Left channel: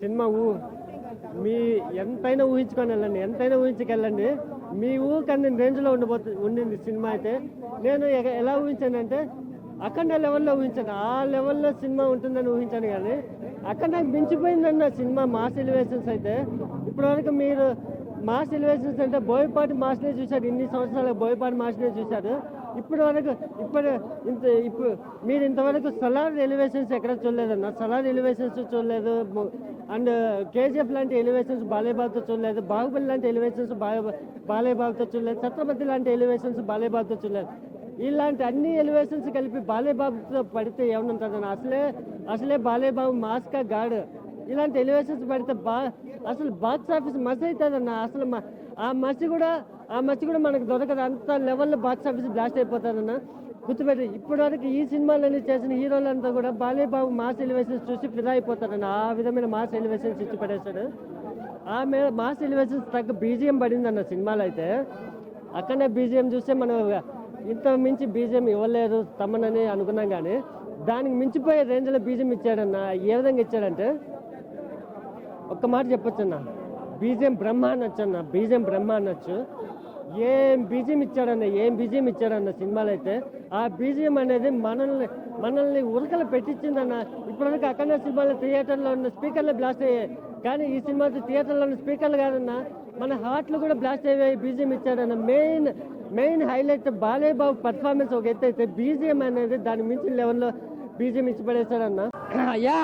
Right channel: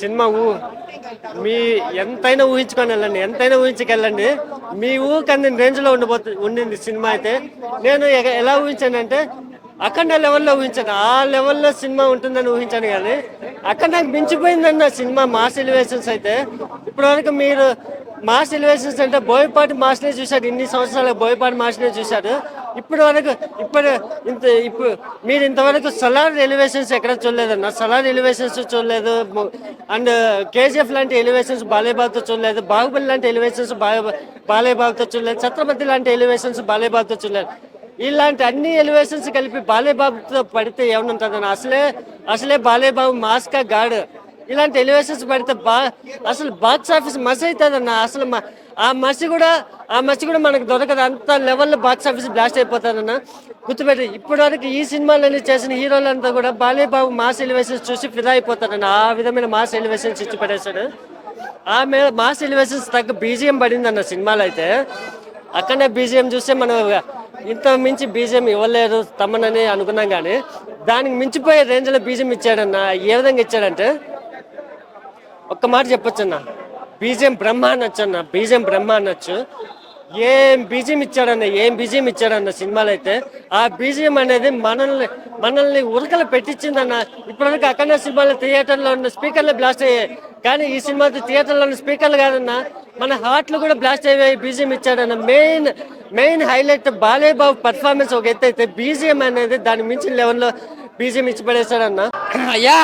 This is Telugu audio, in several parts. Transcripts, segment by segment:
సినిమా మీ ఎంతైనా ఊహించుకొని వెళ్ళండి, ఎంతైనా ఊహించుకెళ్ళండి. మీ ఊకందిన రేంజ్లో ఉండింది సినిమా అయితే. నేను ఎలా ఊహించానంటే అఖండ లెవెల్లో ఊహించాను. ఆ లెవెల్లో సినిమా ఉంటుందని ఊహించాను, కానీ అక్కడ నాకు మించిపోయిందన్న సినిమా మాస్ ఎలివేషన్స్ అయితే. ఇప్పటివరకు మీరు మాస్ ఎలివేషన్స్ అంటే బోయపాటి మాస్నే చూశారు, ఇన్ని సంవత్సరాలు బోయపాటి మాస్నే చూశారు. ఇప్పటి వరకు ఇప్పుడు మీరు ఇంతవరకు సలార్ ఎలివేషన్స్ ఎక్కడ చూడలేదన్న. సలార్ ఎలివేషన్స్ చూడలేదు. అండ్ కేజీఎఫ్ లాంటి ఎలివేషన్స్ బాలేబాబుతో చూడలేదు. బాహుబలి లాంటి ఎలివేషన్స్ బాలేబాబుతో చూడలేదు. ఛత్రపతి లాంటి ఎలివేషన్స్ బాలేబాబుతో చూడలేదు. ఇలాంటి అన్ని ఎలివేషన్స్ కలిపి బాలేబాబుతో పడితే ఏమనుంటుందన్న. అసలే బాలేబాబు మాస్కా గాడ్. ఇలాంటి ఎలివేషన్స్ పడితే అసలు బాక్స్ ఆఫీస్ మసి అవుతుందన్న. అసలు ఆ మసి కూడా మనకు దొరకదు. అంత లెవెల్లో బాక్స్ ఆఫీస్ బ్లాస్ట్ అయిపోతుందన్న. గుర్తుపెట్టి ఇప్పటివరకు ఈ సినిమాలని చేసిన హీరోలంతా కూడా బాలేబాబు మాస్ ఎలివేషన్స్ చూసి ఫిదా అయిపోతారన్న. ఆ విధమైన మాస్ ఎలివేషన్స్ ఇచ్చి పడేశాడు. ఆమె మాస్ ఎలివేషన్స్ తగ్గ బీజిఎం పడిందన్న సినిమాలో అయితే. అక్కడనే బీజిఎం చూస్తే మనం ఇంత మించి బీజిఎం ఇవ్వలేరు తమ్మనని అనుకున్నాం, కానీ దానికి మించిపోయే రేంజ్లో బీజిఎం ఇచ్చాడన్న. ఏ విధంగా ఇచ్చాడంటే ఒక్క మాట చెప్పొచ్చన్న, బీజిఎం బ్రహ్మ అనొచ్చు అన్న. బీజిఎం బ్రహ్మ అనొచ్చు. ఏం బీజిఎం ఇచ్చాడన్న సినిమాలో అయితే. ఆ బీజిఎం అనేది మనల్ని ఉరకలు పెట్టించిందన్న. ఇప్పటివరకు అక్కడ సినిమాలో థియేటర్లో ఉన్న స్పీకర్లు బ్లాస్ట్ అయ్యాయి, కానీ ఈ సినిమా థియేటర్లో ఉన్న స్పీకర్లు కాదన్న, మన హార్ట్లు కూడా బ్లాస్ట్ అయ్యాయి. బీజిఎం ఇచ్చాడన్న. మెయిన్ హైలైట్ బాలేబాబు పర్ఫార్మెన్స్ ఒక ఎత్తు అయితే, బీజిఎం అనేది దాని మించిన లెవెల్లో బీజిఎం ఇచ్చి పడేశాడన్న. అయ్యా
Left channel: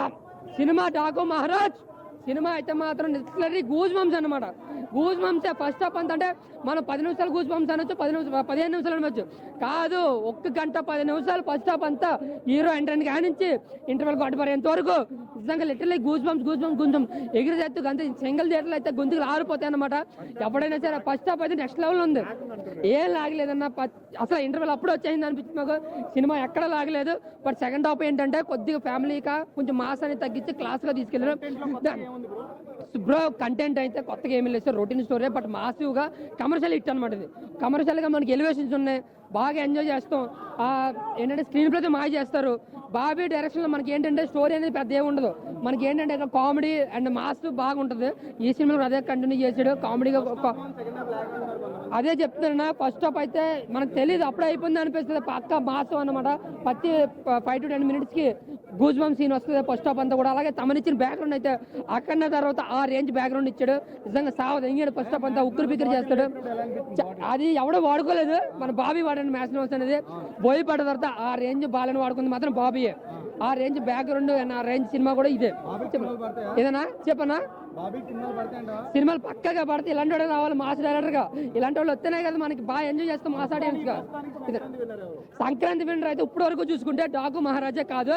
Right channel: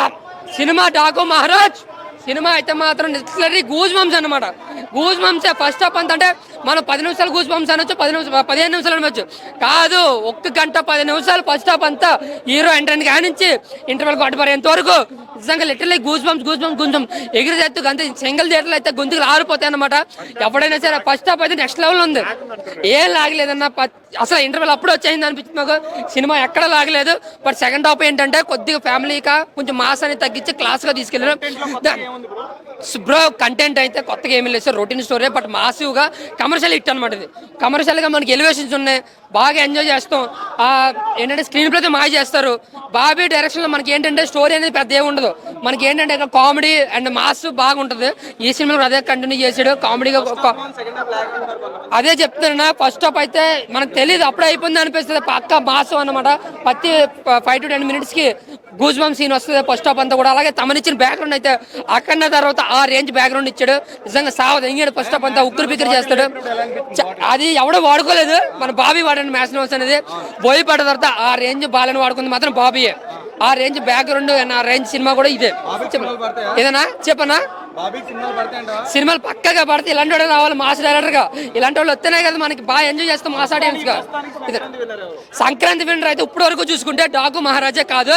సినిమా డాకు మహారాజ్ సినిమా అయితే మాత్రం లిటరలీ గూజ్ బంప్స్ అనమాట. గూజ్ బంప్స్ ఫస్ట్ హాఫ్ అంత అంటే మనం 10 నిమిషాలు గూజ్ బంప్స్ అనొచ్చు, 15 నిమిషాలు అనవచ్చు. కాదు, 1 గంట 10 నిమిషాలు ఫస్ట్ హాఫ్ అంతా హీరో ఎంట్రన్ కానించి ఇంటర్వెల్ కొట్టబడేంత వరకు నిజంగా లిటరలీ గూజ్ బంప్స్ కొంచెం ఎగిరి ఎత్తు అంతే. సింగిల్ థియేటర్లు అయితే గొంతులు ఆరిపోతాయి అనమాట. ఎవడైనా సరే ఫస్ట్ హాఫ్ అయితే నెక్స్ట్ లెవెల్ ఉంది. ఏం లాగలేదన్న. అసలు ఇంటర్వెల్ అప్పుడు వచ్చేసింది అనిపించింది నాకు. సినిమా ఎక్కడ లాగలేదు. బట్ సెకండ్ హాఫ్ ఏంటంటే కొద్దిగా ఫ్యామిలీగా కొంచెం మాస్ అని తగ్గించి క్లాస్గా తీసుకెళ్ళారు బ్రో. కంటెంట్ అయితే కొత్తగా ఏమీ లేదు సార్, రొటీన్ స్టోరీ. బట్ మాసివ్గా కమర్షియల్ హిట్ అనమాట ఇది. కమర్షియల్గా మనకి ఎలివేషన్స్ ఉన్నాయి, బాగా ఎంజాయ్ చేస్తాం. ఏంటంటే స్క్రీన్ ప్లే మాయ చేస్తారు. బాబీ డైరెక్షన్లో మనకి ఏంటంటే స్టోరీ అనేది పెద్ద ఏమి ఉండదు. మనకి ఏంటంటే కామెడీ అండ్ మాస్ బాగుంటుంది. ఈ సినిమాలో అదే కంటిన్యూ చేసాడు కామెడీగా. అదే చెప్తున్నా, ఫస్ట్ హాఫ్ అయితే మనకు తెలియదు, అప్పుడే అయిపోయింది అనిపిస్తుంది. పక్క మాస్ అనమాట. ప్రతి 5 to 10 minutesకి గూజ్ బంప్ సీన్ వస్తుంది ఫస్ట్ హాఫ్ అంతా కూడా. అలాగే తమనిచ్చిన బ్యాక్గ్రౌండ్ అయితే అక్కడిన తర్వాత ఆ రేంజ్ బ్యాక్గ్రౌండ్ ఇచ్చాడు. నిజంగా ఎంగాడు ఫస్ట్ హాఫ్ అంతా ఉక్కురు పిక్కరు చేస్తాడు. అది ఎవడో వాడుకోలేదు, మన బాబీ వాడండి మ్యాచ్ నోట్స్ అనేది. బోయపడ్డ తర్వాత ఆ రేంజ్ బాలని వాడుకుంది మాత్రం బాబీయే. ఆ రేంజ్ బ్యాక్గ్రౌండ్ అండ్ ఆ రేంజ్ సినిమా కూడా ఇదే. ఏదన్నా చెప్పనా, సినిమాలు పక్కగా పడితే ఇలాంటి వాడు రావాలి మాస్ డైరెక్టర్ గా. ఇలాంటి వాళ్ళు వస్తేనే కదా మనకి బాగా ఎంజాయ్ చేస్తాం మాస్ ఆడియన్స్ గా. సంక్రాంతి విన్నర్ అయితే ఇప్పటి వరకు చూసుకుంటే డాకు మహారాజా కాదు,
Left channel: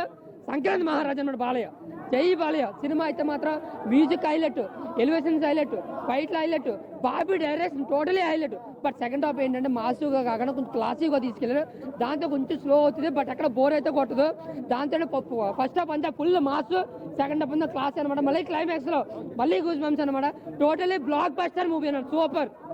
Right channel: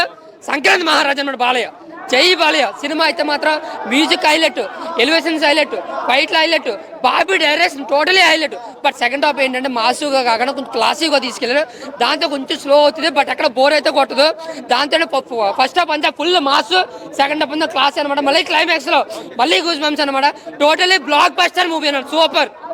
సంక్రాంతి మహారాజా అన్నాడు బాలయ్య. జై బాలయ్య. సినిమా అయితే మాత్రం మ్యూజిక్ హైలైట్, ఎలివేషన్స్ హైలైట్, ఫైట్లు highlight, Bobby direction totally highlight. But second half ఏంటంటే మాసుగా కాకుండా కొంచెం క్లాసీగా తీసుకెళ్ళారు. దాంతో కొంచెం స్లో అవుతుంది, బట్ అక్కడ బోర్ అయితే కొట్టదు. దాంతో ఫస్ట్ హాఫ్ అంతా ఫుల్ మాస్, సెకండ్ హాఫ్ అంతా క్లాస్ అనమాట. మళ్ళీ క్లైమాక్స్ లో మళ్ళీ గూస్ బంప్స్ అనమాట. టోటలీ బ్లాక్ బస్టర్ మూవీ అన్నమాట. సూపర్.